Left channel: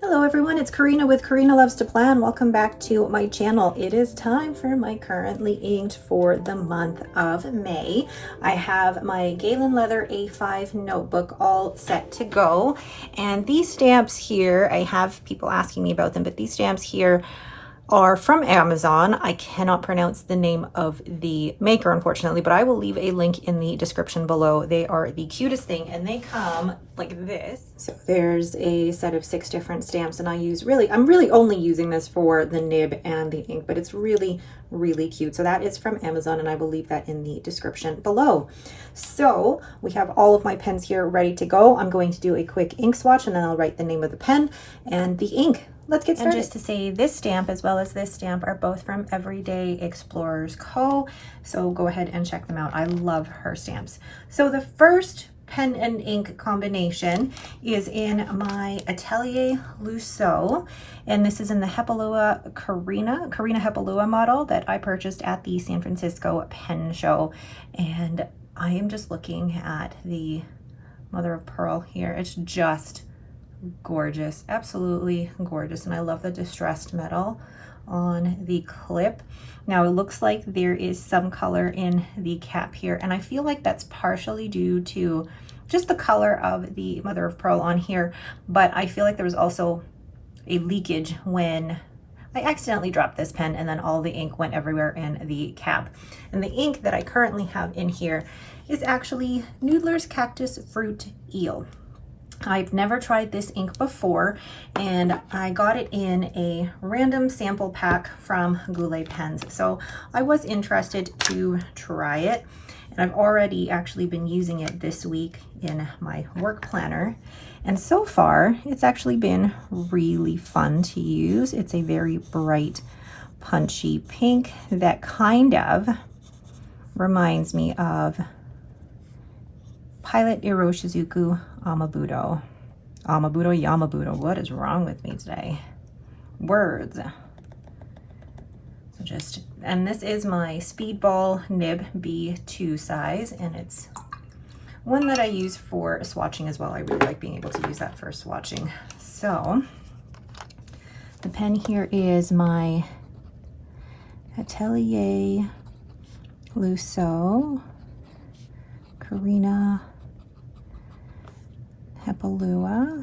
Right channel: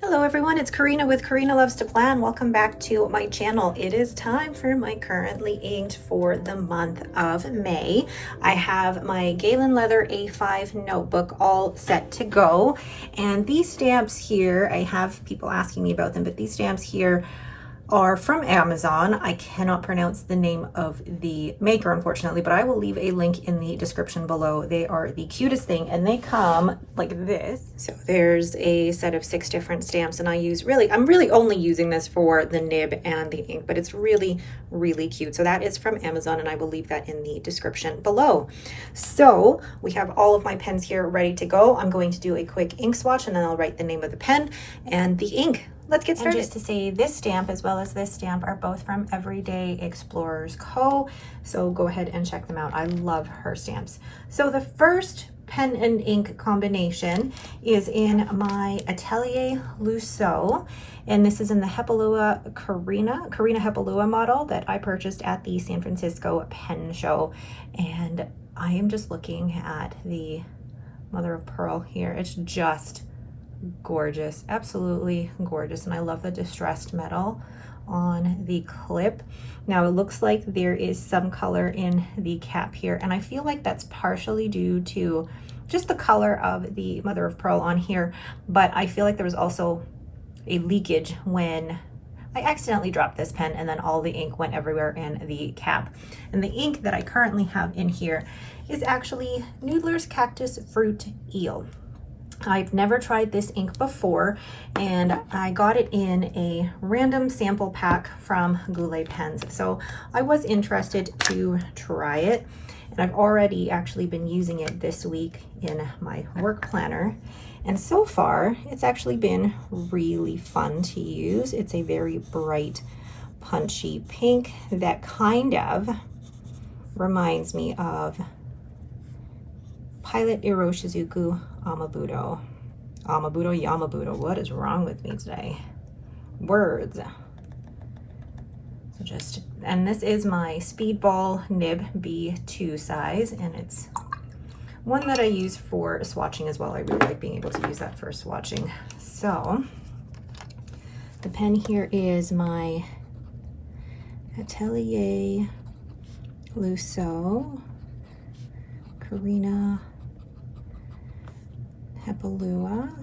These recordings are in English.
Hello everyone, it's Karina with Karina Loves to Plan. Welcome back to my channel. It is time for my currently inked for the month of May. I have my Galen Leather A5 notebook all set to go. And these stamps here, I have people asking me about them, but these stamps here are from Amazon. I cannot pronounce the name of the maker, unfortunately, but I will leave a link in the description below. They are the cutest thing, and they come like this. So there's a set of 6 different stamps, and I'm really only using this for the nib and the ink, but it's really, really cute. So that is from Amazon, and I will leave that in the description below. So we have all of my pens here ready to go. I'm going to do a quick ink swatch, and then I'll write the name of the pen and the ink. Let's get started. And just to say, this stamp as well as this stamp are both from Everyday Explorers Co. So go ahead and check them out. I love her stamps. So the first pen and ink combination is in my Italia Luo, and this is in the Karina Hepalua model that I purchased at the San Francisco Pen Show. And I am just looking at the mother of pearl here. It's just gorgeous, absolutely gorgeous. And I love the distressed metal on the clip. Now it looks like there is some color in the cap here, and I feel like that's partially due to just the color of the mother of pearl on here, but I feel like there was also a leakage when I accidentally dropped this pen and then all the ink went everywhere in the cap. And the ink that I currently have in here is actually Noodler's Cactus Fruit Eel. I've never tried this ink before, and I got it in a random sample pack from Goulet Pens. So I was interested to try it, and I've already actually been using it this week in my work planner. And so far, it's actually been really fun to use. It's a very bright, punchy pink that kind of reminds me of Pilot Iroshizuku Yamabudo, what is wrong with me today? Words. So and this is my Speedball Nib B2 size, and it's one that I use for swatching as well. I really like being able to use that for swatching. So the pen here is my Italia Luo Karina Hepalua,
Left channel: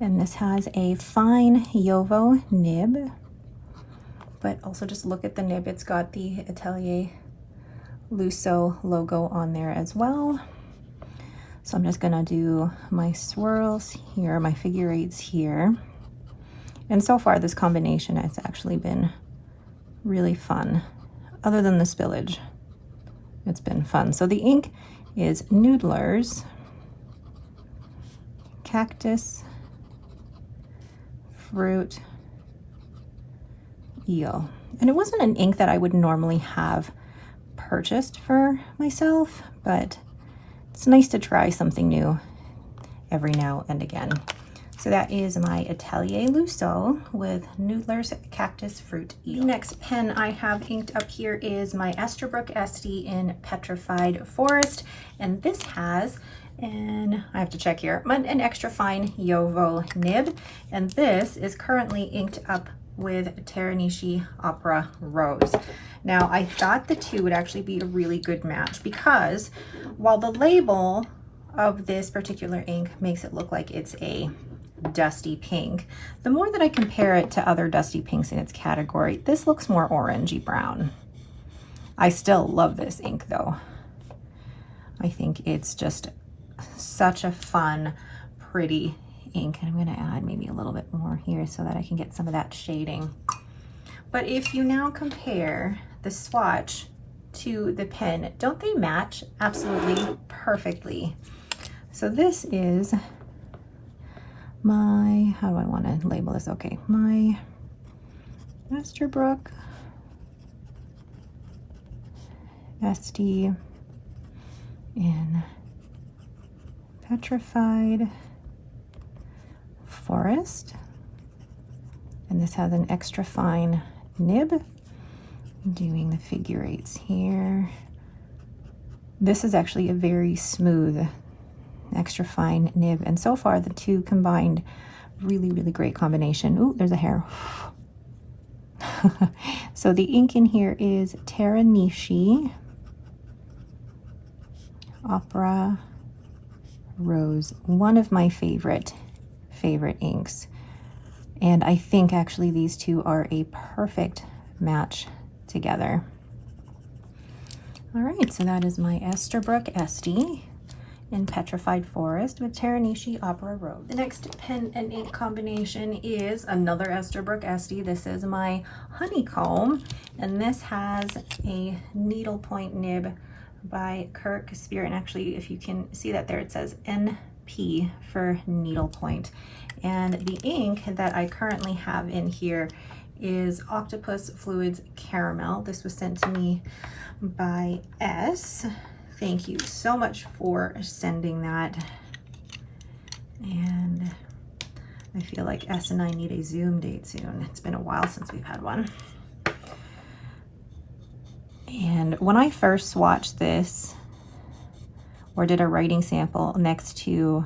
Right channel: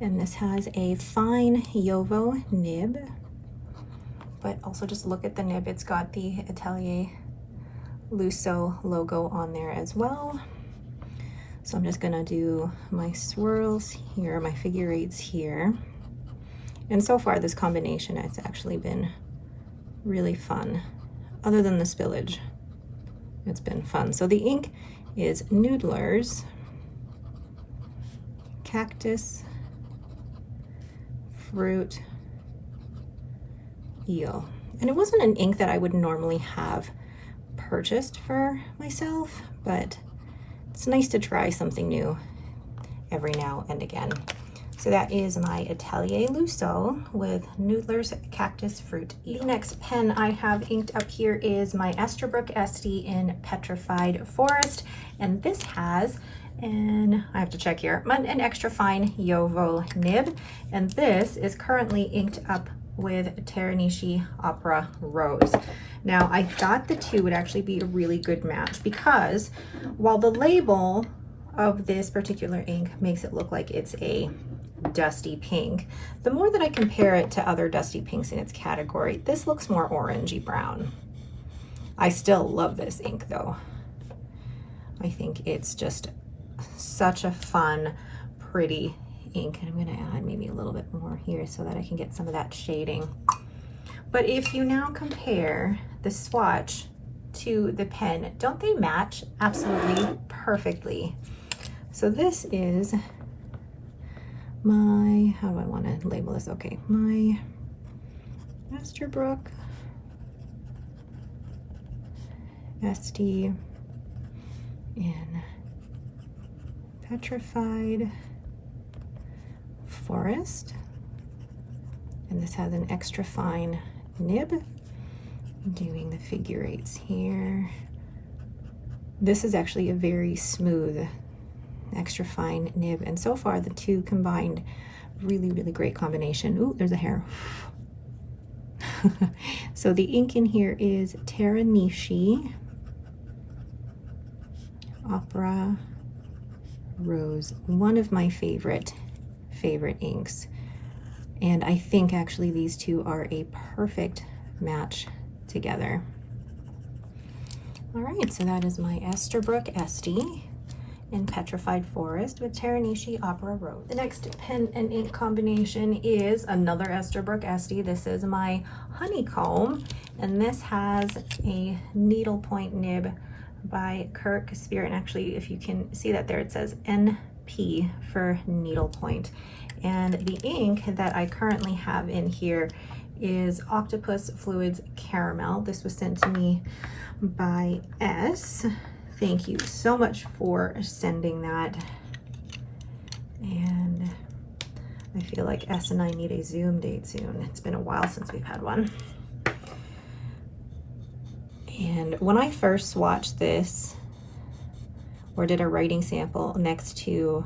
and this has a fine Yovo nib, but also just look at the nib, it's got the Italia Luo logo on there as well. So I'm just gonna do my swirls here, my figure eights here, and so far this combination has actually been really fun. Other than the spillage, it's been fun. So the ink is Noodler's Cactus Fruit Eel. And it wasn't an ink that I would normally have purchased for myself, but it's nice to try something new every now and again. So that is my Italia Luo with Noodler's Cactus Fruit Eel. The next pen I have inked up here is my Esterbrook SD in Petrified Forest, and this has, and I have to check here, an extra fine Yovo nib, and this is currently inked up with Teranishi Opera Rose. Now I thought the two would actually be a really good match, because while the label of this particular ink makes it look like it's a dusty pink, the more that I compare it to other dusty pinks in its category, this looks more orangey brown. I still love this ink though. I think it's just such a fun, pretty ink. And I'm going to add maybe a little bit more here so that I can get some of that shading. But if you now compare the swatch to the pen, don't they match absolutely perfectly? So this is my, how do I want to label this? Okay, my Esterbrook SD in Petrified Forest, and this has an extra fine nib. I'm doing the figure eights here. This is actually a very smooth extra fine nib. And so far the two combined, really, really great combination. Ooh, there's a hair. So the ink in here is Teranishi Opera Rose, one of my favorite inks. And I think actually these two are a perfect match together. All right, so that is my Esterbrook SD in Petrified Forest with Teranishi Opera Rose. The next pen and ink combination is another Esterbrook SD. This is my Honeycomb, and this has a needlepoint nib by Kirk Spirit. And actually, if you can see that there, it says NP for needlepoint. And the ink that I currently have in here is Octopus Fluids Caramel. This was sent to me by S. Thank you so much for sending that. And I feel like S and I need a Zoom date soon. It's been a while since we've had one. And when I first swatched this, or did a writing sample next to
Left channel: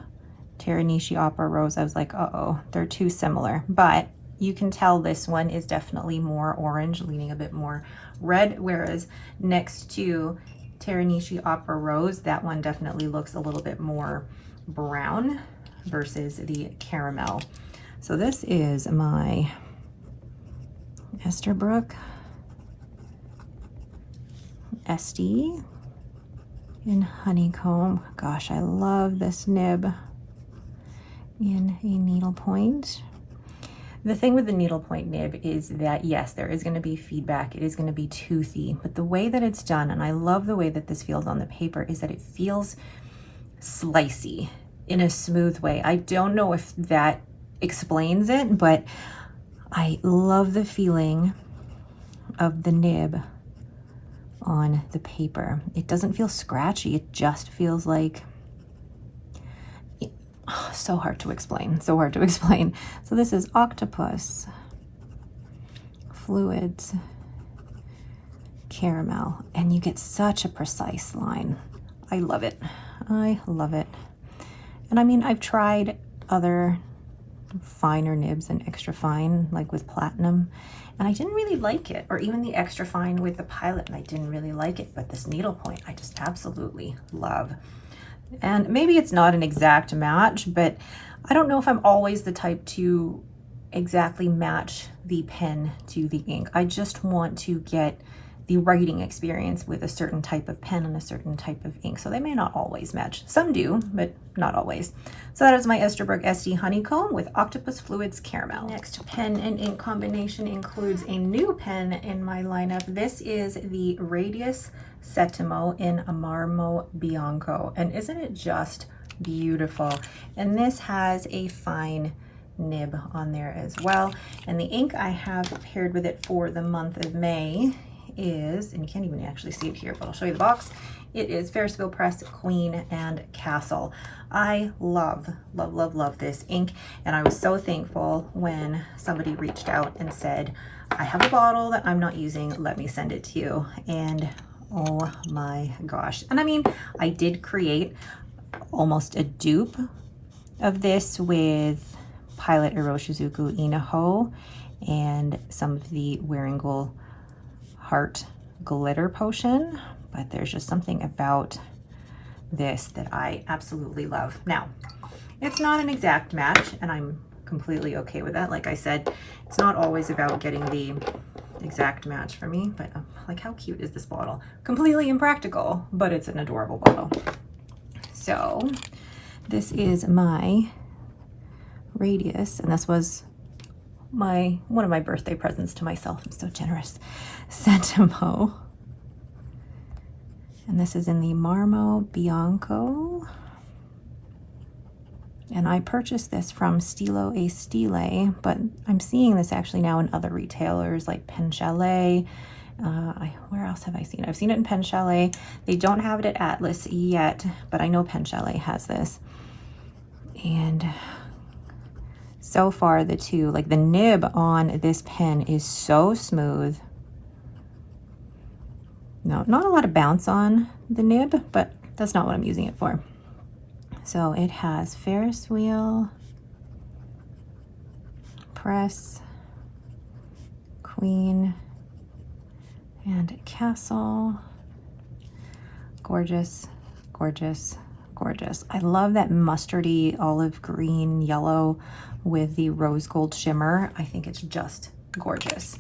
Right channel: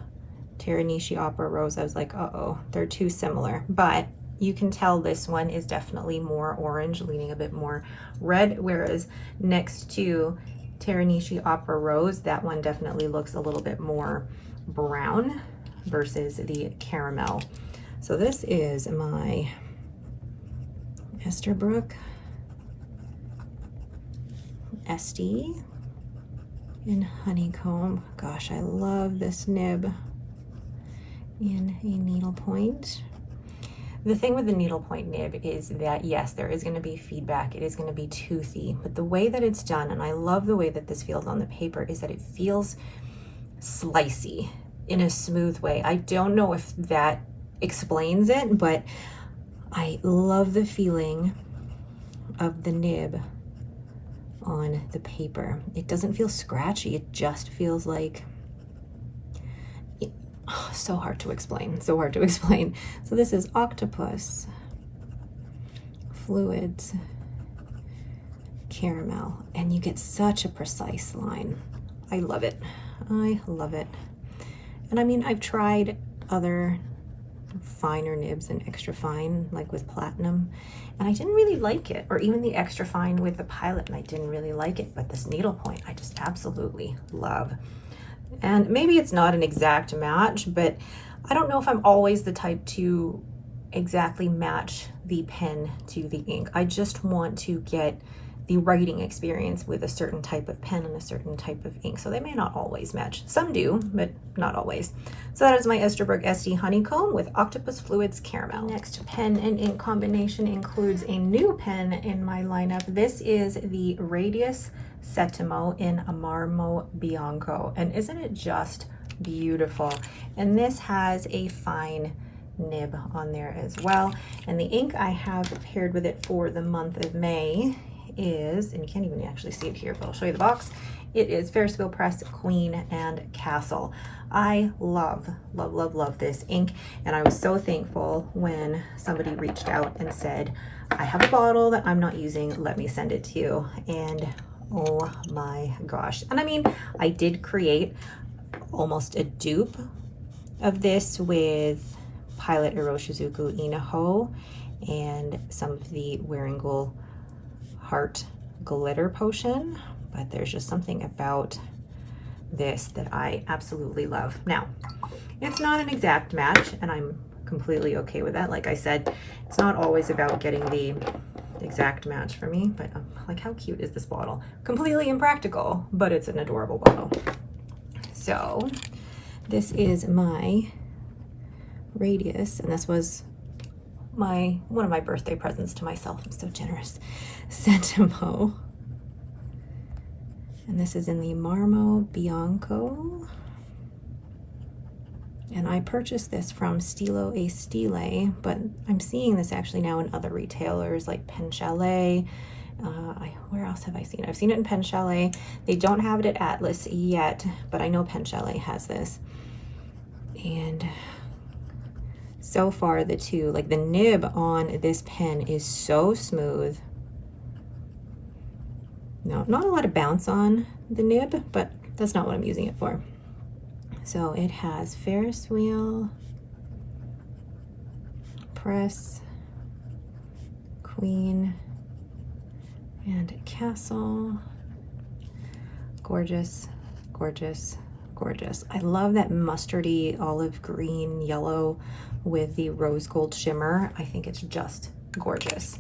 Teranishi Opera Rose, I was like, uh-oh, they're too similar. But you can tell this one is definitely more orange, leaning a bit more red, whereas next to Teranishi Opera Rose, that one definitely looks a little bit more brown versus the caramel. So this is my Esterbrook SD in Honeycomb. Gosh, I love this nib in a needlepoint. The thing with the needlepoint nib is that, yes, there is going to be feedback. It is going to be toothy, but the way that it's done, and I love the way that this feels on the paper, is that it feels slicey in a smooth way. I don't know if that explains it, but I love the feeling of the nib on the paper. It doesn't feel scratchy. It just feels like, so hard to explain, so hard to explain. So this is Octopus Fluids Caramel, and you get such a precise line. I love it. I love it. And I mean, I've tried other finer nibs and extra fine, like with Platinum, and I didn't really like it, or even the extra fine with the Pilot, and I didn't really like it, but this needlepoint I just absolutely love. And maybe it's not an exact match, but I don't know if I'm always the type to exactly match the pen to the ink. I just want to get the writing experience with a certain type of pen and a certain type of ink. So they may not always match. Some do, but not always. So that is my Esterbrook SD Honeycomb with Octopus Fluids Caramel. Next pen and ink combination includes a new pen in my lineup. This is the Radius Settimo in a Marmo Bianco, and isn't it just beautiful? And this has a fine nib on there as well, and the ink I have paired with it for the month of May is, and you can't even actually see it here, but I'll show you the box. It is Ferris Wheel Press Queen and Castle. I love, love, love, love this ink, and I was so thankful when somebody reached out and said, I have a bottle that I'm not using, let me send it to you. And oh my gosh. And I mean, I did create almost a dupe of this with Pilot Iroshizuku Inaho and some of the Wearingeul Heart Glitter Potion, but there's just something about this that I absolutely love. Now, it's not an exact match, and I'm completely okay with that. Like I said, it's not always about getting the exact match for me, but like, how cute is this bottle? Completely impractical, but it's an adorable bottle. So this is my Radius, and this was one of my birthday presents to myself. I'm so generous. Settimo. And this is in the Marmo Bianco. And I purchased this from Stilo e Stile, but I'm seeing this actually now in other retailers like PenChalet. Where else have I seen it? I've seen it in PenChalet. They don't have it at Atlas yet, but I know PenChalet has this. And so far the two, like the nib on this pen is so smooth. No, not a lot of bounce on the nib, but that's not what I'm using it for. So it has Ferris wheel, press, queen, and castle. Gorgeous, gorgeous, gorgeous. I love that mustardy olive green yellow with the rose gold shimmer. I think it's just gorgeous.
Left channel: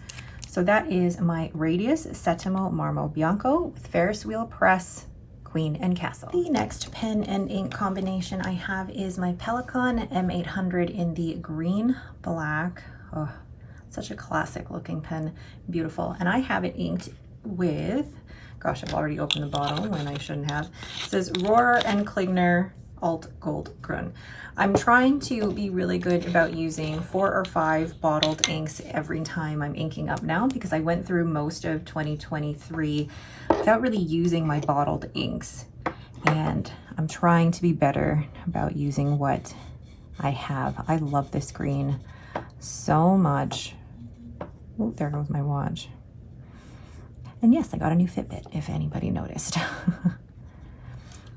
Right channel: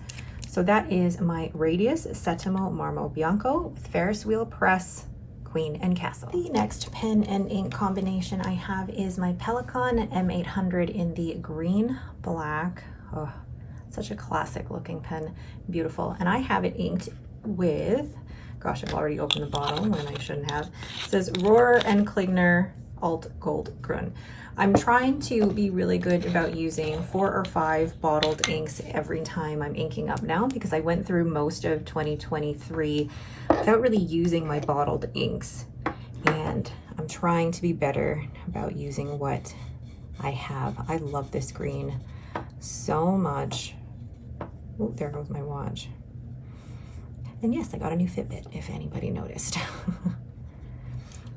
So that is my Radius Settimo Marmo Bianco with Ferris wheel, press, queen, and castle. The next pen and ink combination I have is my Pelikan M800 in the green black. Oh, such a classic looking pen, beautiful. And I have it inked with, gosh, I've already opened the bottle when I shouldn't have. It says Rohrer and Klingner Alt Gold Grün. I'm trying to be really good about using 4 or 5 bottled inks every time I'm inking up now, because I went through most of 2023 without really using my bottled inks. And I'm trying to be better about using what I have. I love this green so much. Oh, there goes my watch. And yes, I got a new Fitbit, if anybody noticed.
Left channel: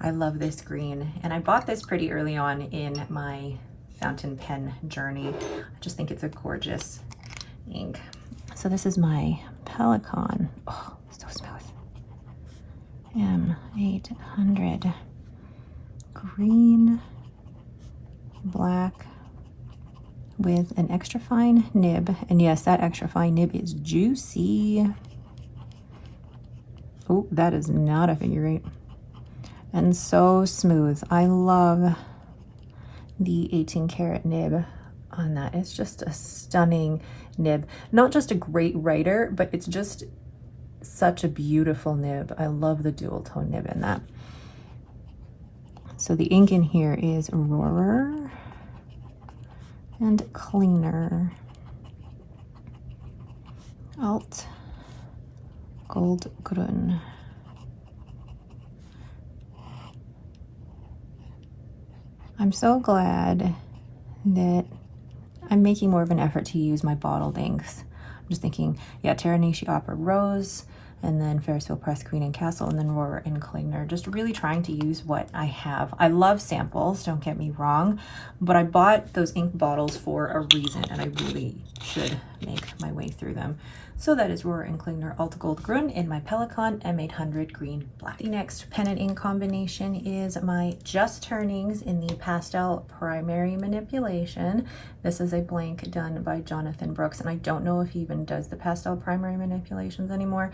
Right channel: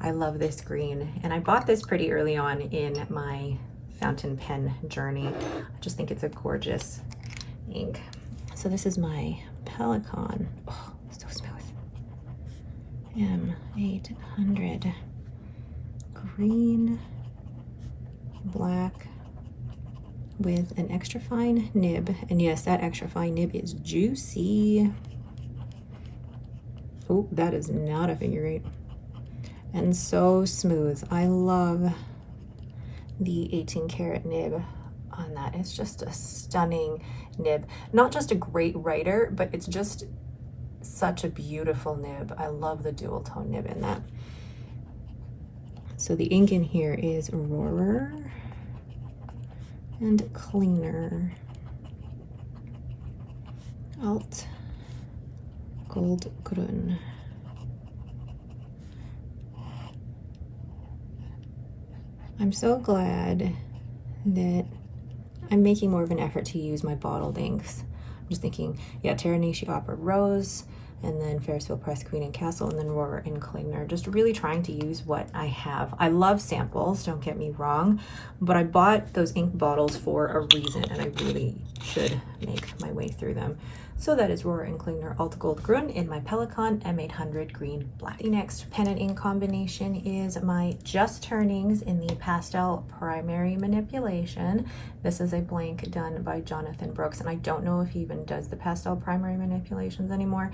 I love this green, and I bought this pretty early on in my fountain pen journey. I just think it's a gorgeous ink. So this is my Pelikan. Oh, so smooth. M800. Green, black, with an extra fine nib. And yes, that extra fine nib is juicy. Oh, that is not a figure 8. And so smooth. I love the 18 karat nib on that. It's just a stunning nib. Not just a great writer, but it's just such a beautiful nib. I love the dual tone nib in that. So the ink in here is Rohrer and Klingner Alt Gold Grün. I'm so glad that I'm making more of an effort to use my bottled inks. I'm just thinking, yeah, Terranishi Opera Rose, and then Ferris wheel, press, queen, and castle, and then Rohrer and Klingner. Just really trying to use what I have. I love samples, don't get me wrong, but I bought those ink bottles for a reason, and I really should make my way through them. So that is Rohrer and Klingner Alt Gold Grün in my Pelikan M800 Green Black. The next pen and ink combination is my Just Turnings in the Pastel Primary Manipulation. This is a blank done by Jonathan Brooks, and I don't know if he even does the pastel primary manipulations anymore.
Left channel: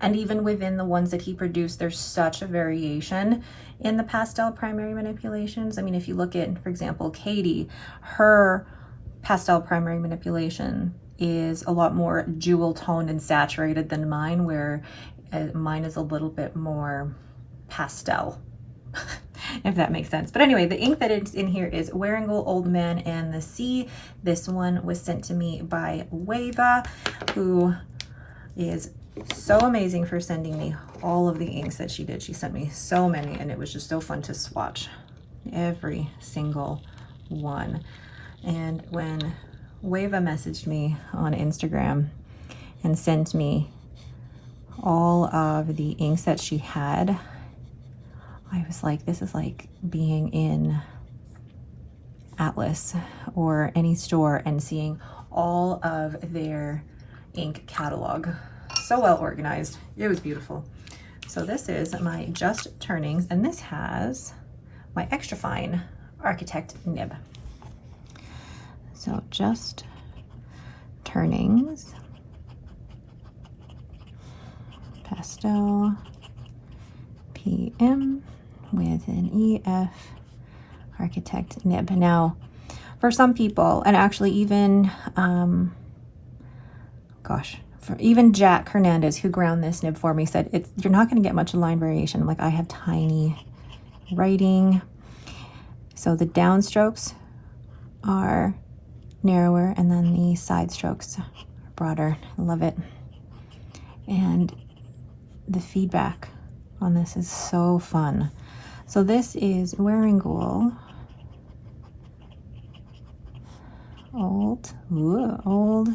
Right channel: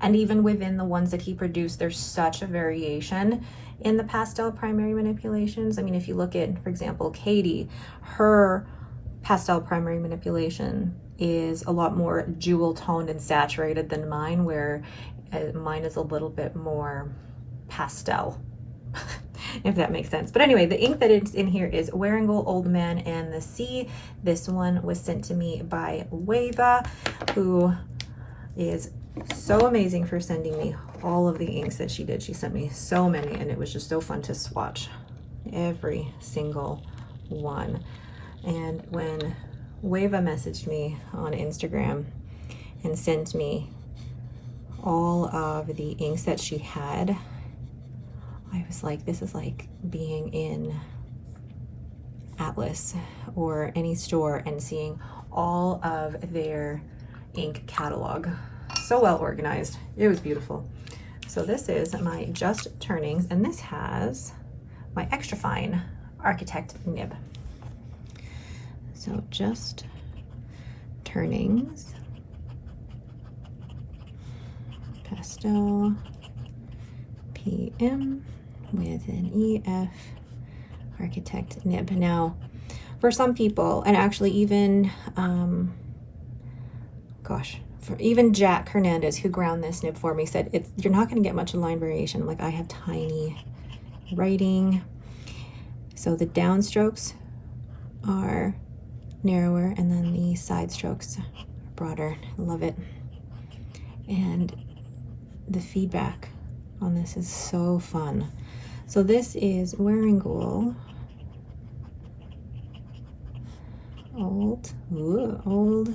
And even within the ones that he produced, there's such a variation in the pastel primary manipulations. I mean, if you look at, for example, Katie, her pastel primary manipulation is a lot more jewel toned and saturated than mine, where mine is a little bit more pastel, if that makes sense. But anyway, the ink that is in here is Wearingeul Old Man and the Sea. This one was sent to me by Wava, who is so amazing for sending me all of the inks that she did. She sent me so many, and it was just so fun to swatch every single one. And when Wava messaged me on Instagram and sent me all of the inks that she had, I was like, this is like being in Atlas or any store and seeing all of their ink catalog. So well organized. It was beautiful. So this is my Just Turnings, and this has my extra fine Architect nib. So Just Turnings, Pastel PM with an EF Architect nib. Now, for some people, and actually even, even Jack Hernandez, who ground this nib for me, said you're not going to get much line variation. Like, I have tiny writing, so the downstrokes are narrower and then the side strokes are broader. I love it. And the feedback on this is so fun. So this is Wearingeul Old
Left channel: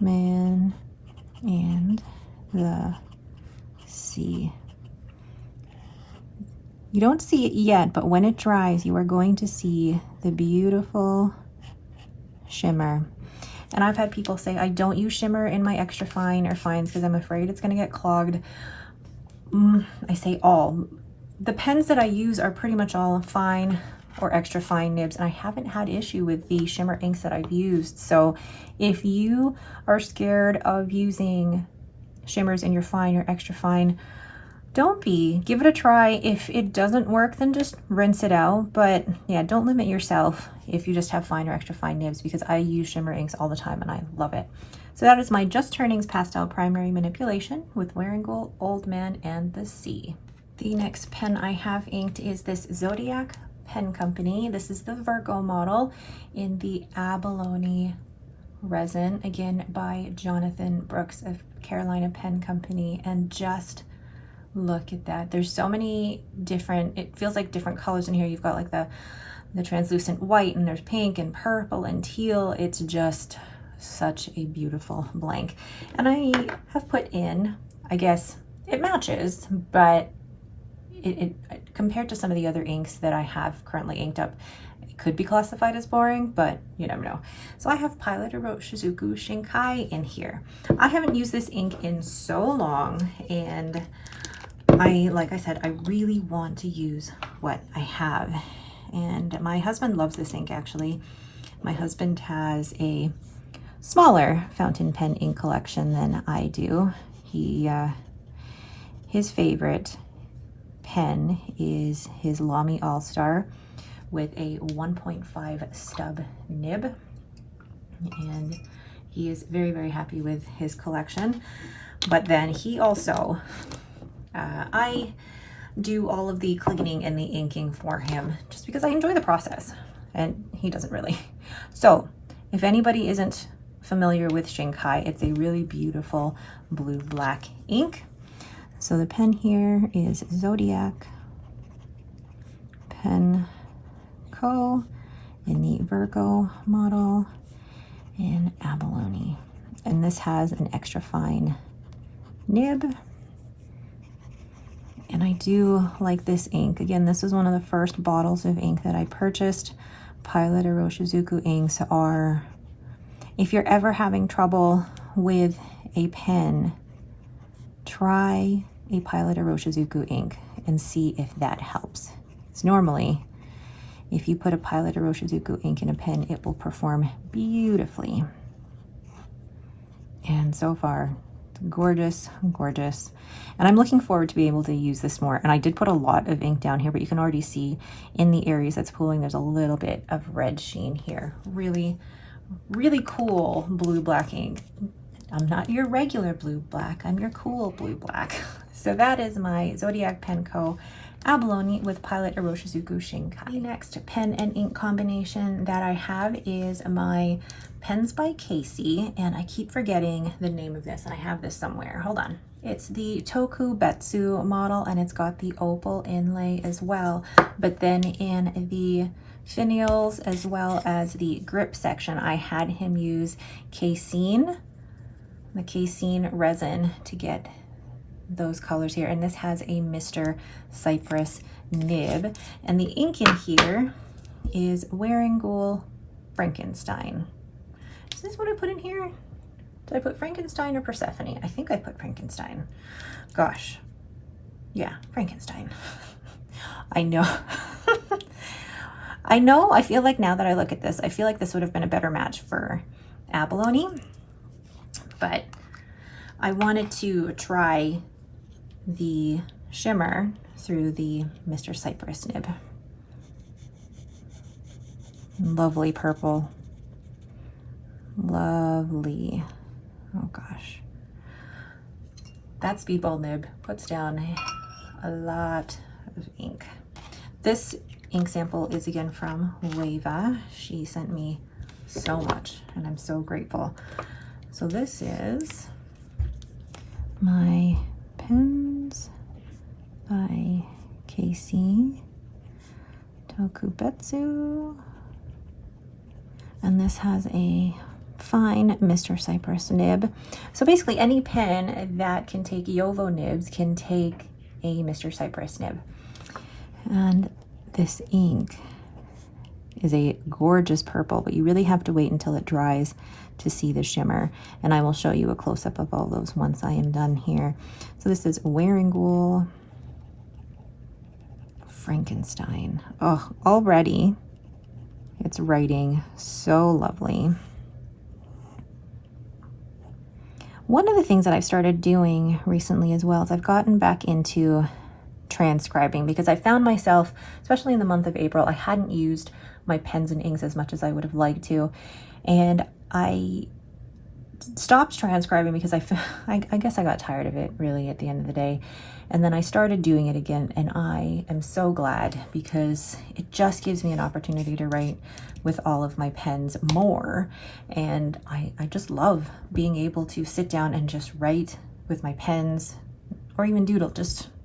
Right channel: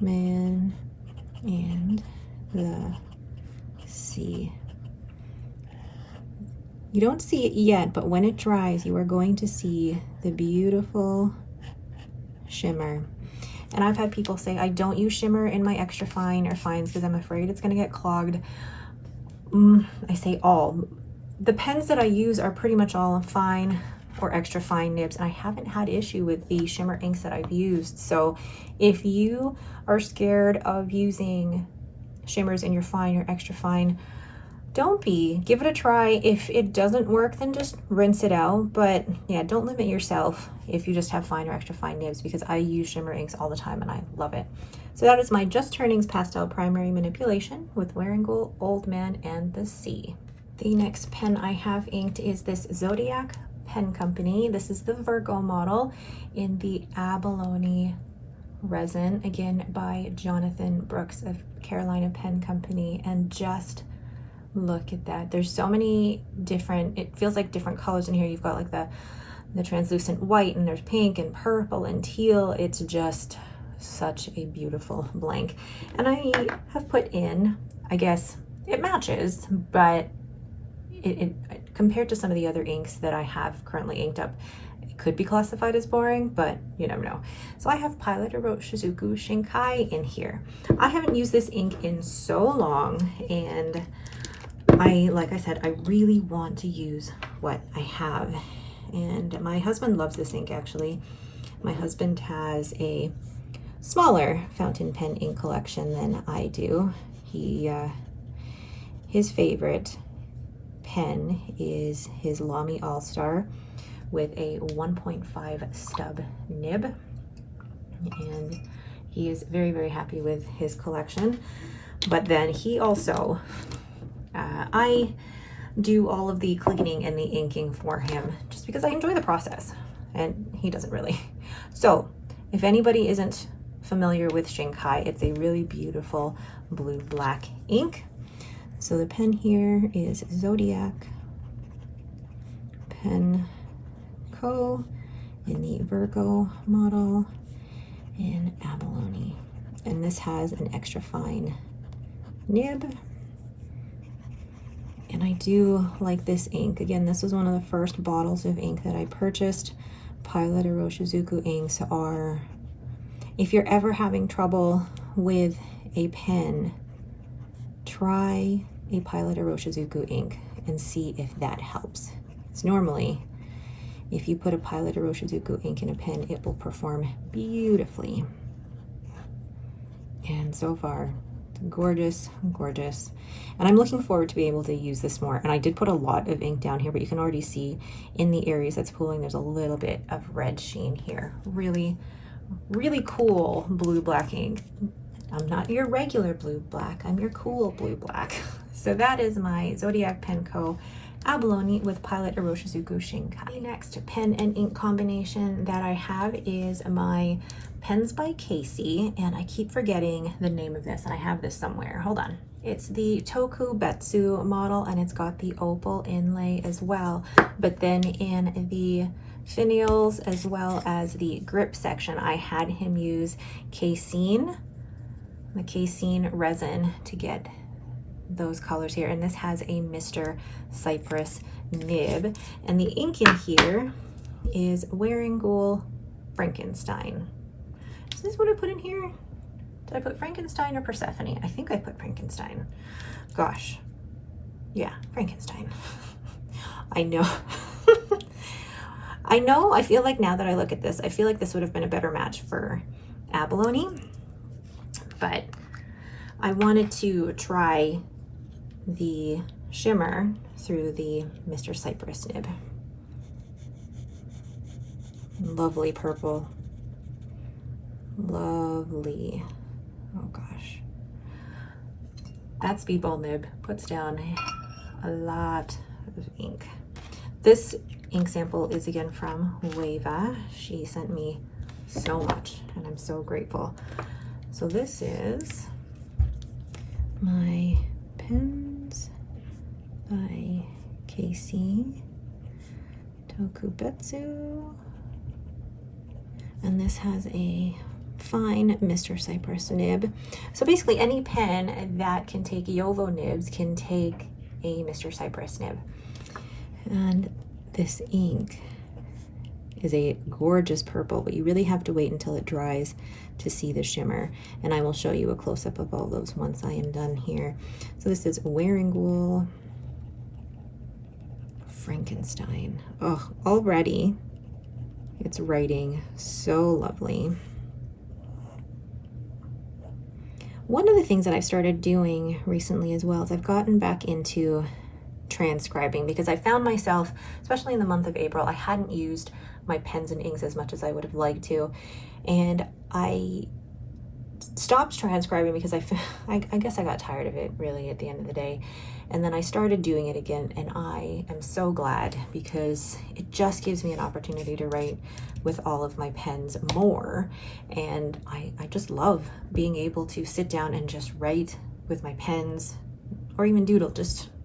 Man and the Sea. You don't see it yet, but when it dries, you are going to see the beautiful shimmer. And I've had people say, I don't use shimmer in my extra fine or fines because I'm afraid it's going to get clogged. I say all. The pens that I use are pretty much all fine or extra fine nibs, and I haven't had issue with the shimmer inks that I've used. So if you are scared of using shimmers in your fine or extra fine, don't be. Give it a try. If it doesn't work, then just rinse it out. But yeah, don't limit yourself if you just have fine or extra fine nibs, because I use shimmer inks all the time and I love it. So that is my Just Turnings Pastel Primary Manipulation with Wearingeul, Old Man, and the Sea. The next pen I have inked is this Zodiac Pen Company. This is the Virgo model in the abalone resin, again by Jonathan Brooks of Carolina Pen Company. And just look at that. There's so many different, it feels like different colors in here. You've got like the translucent white, and there's pink and purple and teal. It's just such a beautiful blank. And I have put in, I guess it matches, but it compared to some of the other inks that I have currently inked up, it could be classified as boring, but you never know. So I have Pilot Shizuku Shinkai in here. I haven't used this ink in so long, and like I said, I really want to use what I have. And my husband loves this ink, actually. My husband has a smaller fountain pen ink collection than I do. His favorite pen is his Lamy All-Star with a 1.5 stub nib. And he is very, very happy with his collection. But then he also, I do all of the cleaning and the inking for him just because I enjoy the process, and he doesn't really. So if anybody isn't familiar with Shinkai, it's a really beautiful blue-black ink. So the pen here is Zodiac Pen Co. in the Virgo model in abalone. And this has an extra fine nib. And I do like this ink. Again, this was one of the first bottles of ink that I purchased. Pilot Shizuku inks are, if you're ever having trouble with a pen, try a Pilot Shizuku ink and see if that helps. It's normally, if you put a Pilot Shizuku ink in a pen, it will perform beautifully. And so far, gorgeous, gorgeous. And I'm looking forward to be able to use this more. And I did put a lot of ink down here, but you can already see in the areas that's pooling, there's a little bit of red sheen here. Really, really cool blue-black ink. I'm not your regular blue-black, I'm your cool blue-black. So that is my Zodiac Pen Co. abalone with Pilot Shizuku Shinkai. The next pen and ink combination that I have is my Pens by Casey, and I keep forgetting the name of this, and I have this somewhere. Hold on. It's the Tokubetsu model, and it's got the opal inlay as well. But then in the finials as well as the grip section, I had him use casein, the casein resin, to get those colors here. And this has a Mr. Cypress nib, and the ink in here is Wearingeul Frankenstein. Is this what I put in here? Did I put Frankenstein or Persephone? I think I put Frankenstein. Gosh, yeah, Frankenstein. I know. I know, I feel like now that I look at this, I feel like this would have been a better match for abalone, but I wanted to try the shimmer through the Mr. Cypress nib. Lovely purple. Lovely. Oh gosh. That speedball nib puts down a lot of ink. This ink sample is again from Wava. She sent me so much, and I'm so grateful. So this is my Pens by Casey Tokubetsu, and this has a fine Mr. Cypress nib. So basically any pen that can take Yovo nibs can take a Mr. Cypress nib. And this ink is a gorgeous purple, but you really have to wait until it dries to see the shimmer. And I will show you a close-up of all those once I am done here. So this is Wearingeul Frankenstein. Oh, already it's writing so lovely. One of the things that I've started doing recently as well is I've gotten back into transcribing, because I found myself, especially in the month of April, I hadn't used my pens and inks as much as I would have liked to, and I stopped transcribing because I guess I got tired of it really at the end of the day. And then I started doing it again, and I am so glad, because it just gives me an opportunity to write with all of my pens more. And I just love being able to sit down and just write with my pens, or even doodle.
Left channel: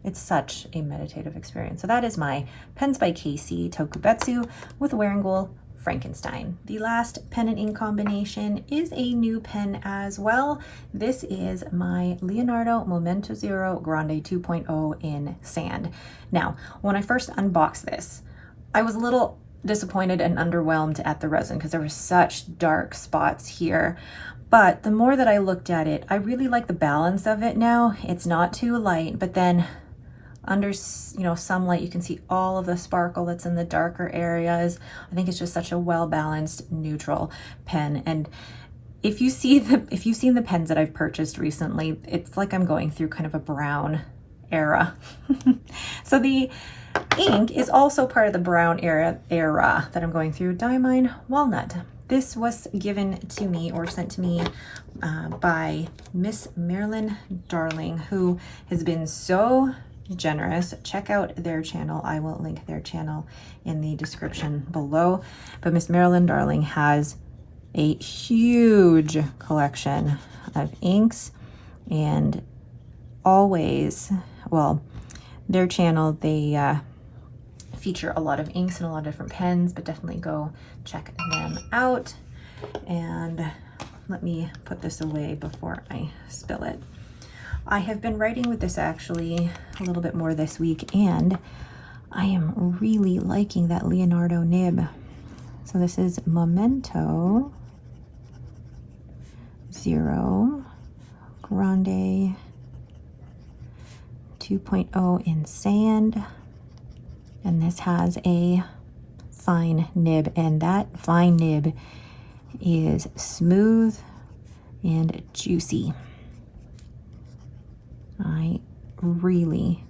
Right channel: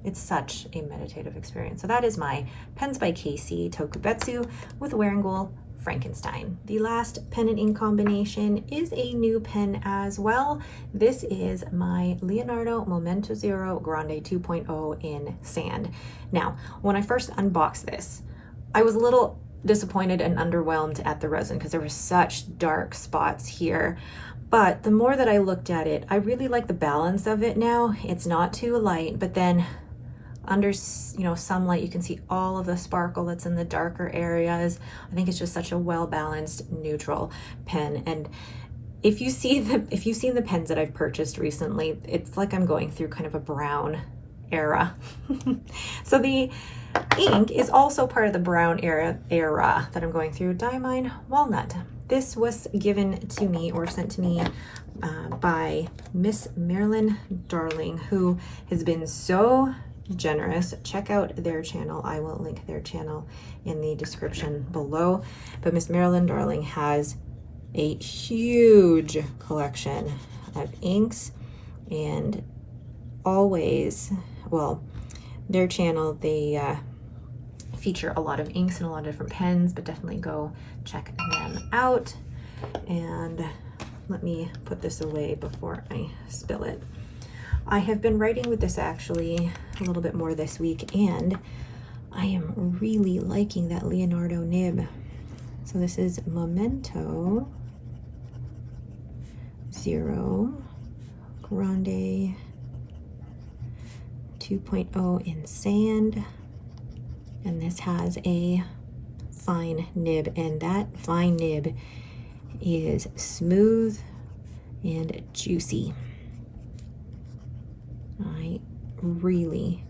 It's such a meditative experience. So that is my Pens by Casey Tokubetsu with Wearingeul Frankenstein. The last pen and ink combination is a new pen as well. This is my Leonardo Momento Zero Grande 2.0 in sand. Now, when I first unboxed this, I was a little disappointed and underwhelmed at the resin because there were such dark spots here. But the more that I looked at it, I really like the balance of it now. It's not too light, but then under, some light, you can see all of the sparkle that's in the darker areas. I think it's just such a well-balanced, neutral pen. And if you've seen the pens that I've purchased recently, it's like I'm going through kind of a brown era. So the ink is also part of the brown era that I'm going through. Diamine Walnut. This was given to me or sent to me by Miss Marilyn Darling, who has been so generous. Check out their channel. I will link their channel in the description below. But Miss Marilyn Darling has a huge collection of inks, and always, well, their channel, they feature a lot of inks and a lot of different pens, but definitely go check them out. And let me put this away before I spill it. I have been writing with this actually a little bit more this week, and I am really liking that Leonardo nib. So this is Momento Zero Grande 2.0 in sand, and this has a fine nib, and that fine nib is smooth and juicy. I really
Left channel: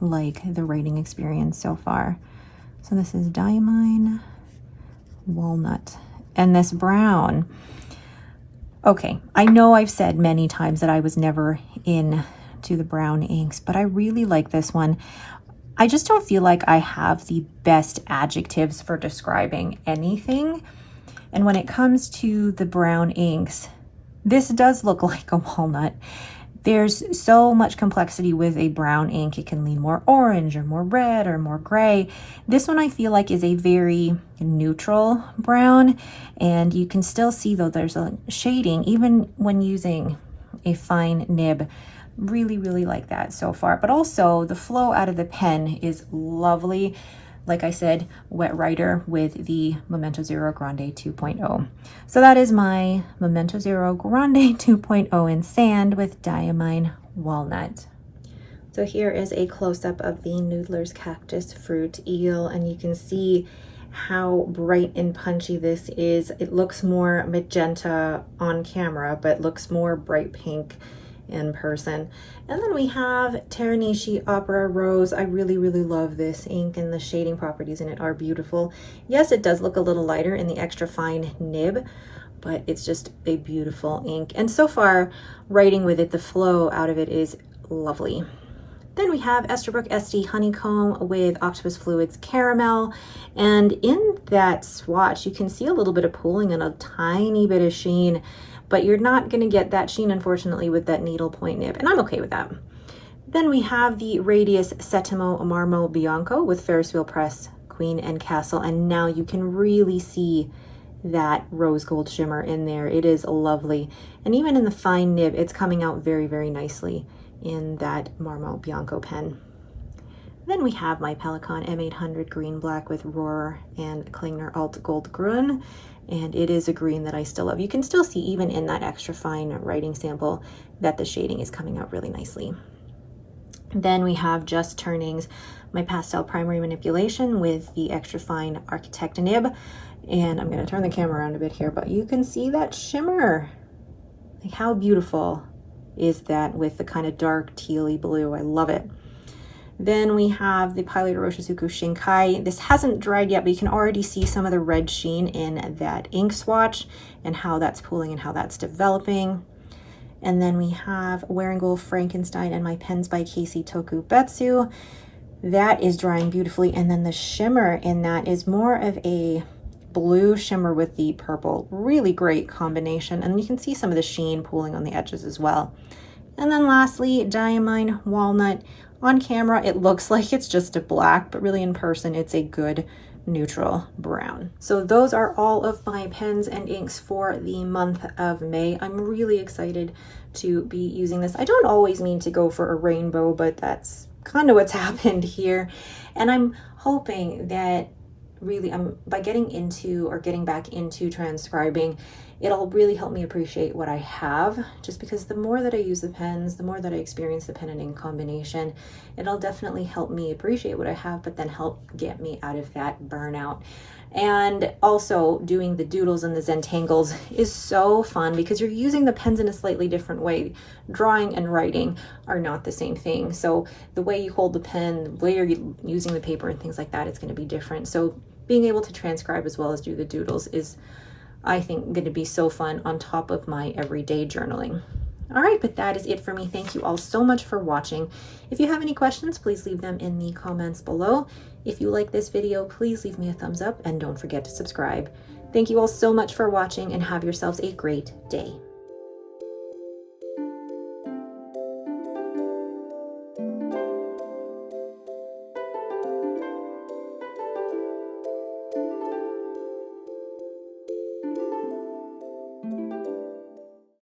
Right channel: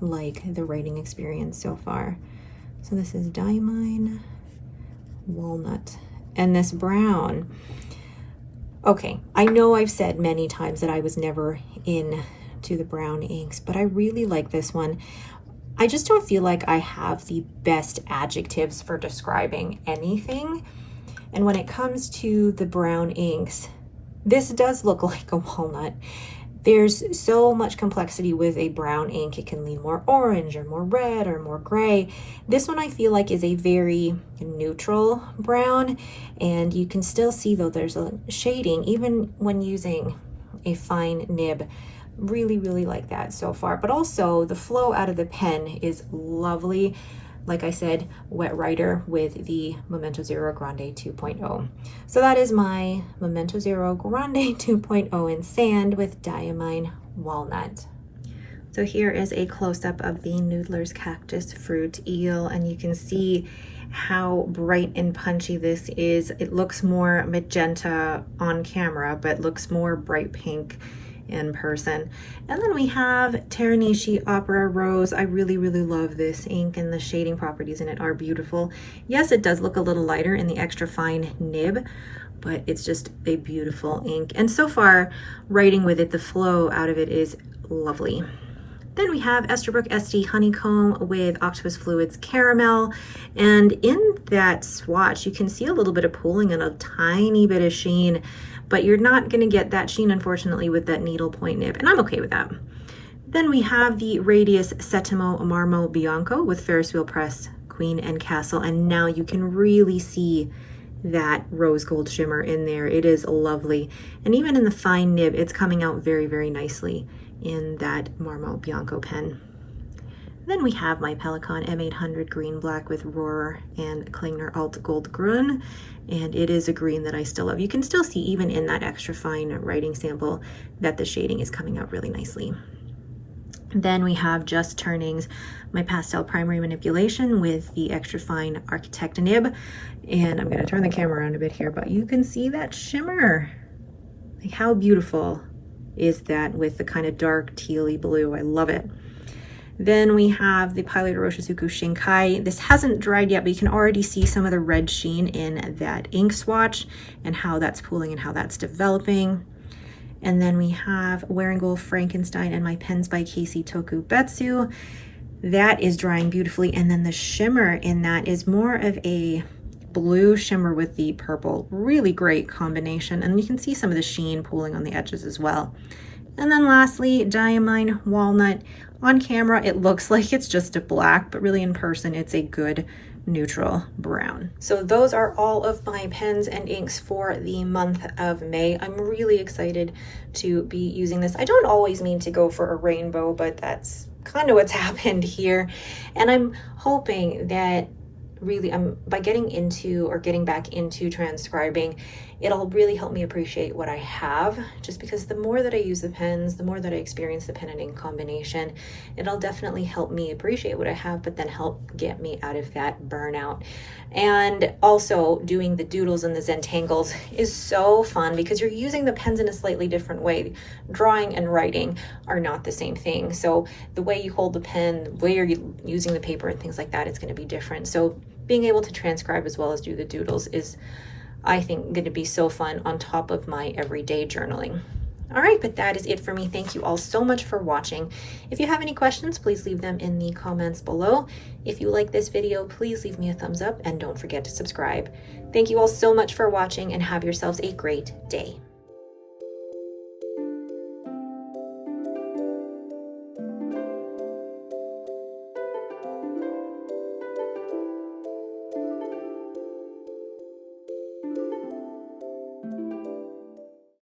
like the writing experience so far. So this is Diamine Walnut, and this brown. Okay, I know I've said many times that I was never into the brown inks, but I really like this one. I just don't feel like I have the best adjectives for describing anything. And when it comes to the brown inks, this does look like a walnut. There's so much complexity with a brown ink. It can lean more orange or more red or more gray. This one I feel like is a very neutral brown, and you can still see though there's a shading even when using a fine nib. Really like that so far. But also the flow out of the pen is lovely. Like I said, wet writer with the Momento Zero Grande 2.0. So that is my Momento Zero Grande 2.0 in sand with Diamine Walnut. So here is a close-up of the Noodler's Cactus Fruit Eel, and you can see how bright and punchy this is. It looks more magenta on camera, but looks more bright pink in person. And then we have Teranishi Opera Rose. I really love this ink, and the shading properties in it are beautiful. Yes, it does look a little lighter in the extra fine nib, but it's just a beautiful ink. And so far, writing with it, the flow out of it is lovely. Then we have Esterbrook SD Honeycomb with Octopus Fluids Caramel. And in that swatch, you can see a little bit of pooling and a tiny bit of sheen, but you're not going to get that sheen, unfortunately, with that needle point nib, and I'm okay with that. Then we have the Radius Settimo Marmo Bianco with Ferris Wheel Press Queen and Castle, and now you can really see that rose gold shimmer in there. It is lovely, and even in the fine nib, it's coming out very nicely in that Marmo Bianco pen. Then we have my Pelikan M800 green black with Roar and Klingner Alt Gold Grün, and it is a green that I still love. You can still see even in that extra fine writing sample that the shading is coming out really nicely. Then we have Just Turnings, my pastel primary manipulation with the extra fine Architect nib, and I'm going to turn the camera around a bit here, but you can see that shimmer. Like, how beautiful is that with the kind of dark tealy blue? I love it. Then we have the Pilot Roshizuku Shinkai. This hasn't dried yet, but you can already see some of the red sheen in that ink swatch and how that's pooling and how that's developing. And then we have Wearingeul Frankenstein and my Pens by Casey Tokubetsu. That is drying beautifully. And then the shimmer in that is more of a blue shimmer with the purple. Really great combination. And you can see some of the sheen pooling on the edges as well. And then lastly, Diamine Walnut. On camera, it looks like it's just a black, but really in person, it's a good neutral brown. So those are all of my pens and inks for the month of May. I'm really excited to be using this. I don't always mean to go for a rainbow, but that's kind of what's happened here. And I'm hoping that really by getting into or getting back into transcribing, it'll really help me appreciate what I have, just because the more that I use the pens, the more that I experience the pen and ink combination, it'll definitely help me appreciate what I have, but then help get me out of that burnout. And also doing the doodles and the Zentangles is so fun because you're using the pens in a slightly different way. Drawing and writing are not the same thing. So the way you hold the pen, the way you're using the paper and things like that, it's going to be different. So being able to transcribe as well as do the doodles is, I think, going to be so fun on top of my everyday journaling. All right, but that is it for me. Thank you all so much for watching. If you have any questions, please leave them in the comments below. If you like this video, please leave me a thumbs up and don't forget to subscribe. Thank you all so much for watching and have yourselves a great day.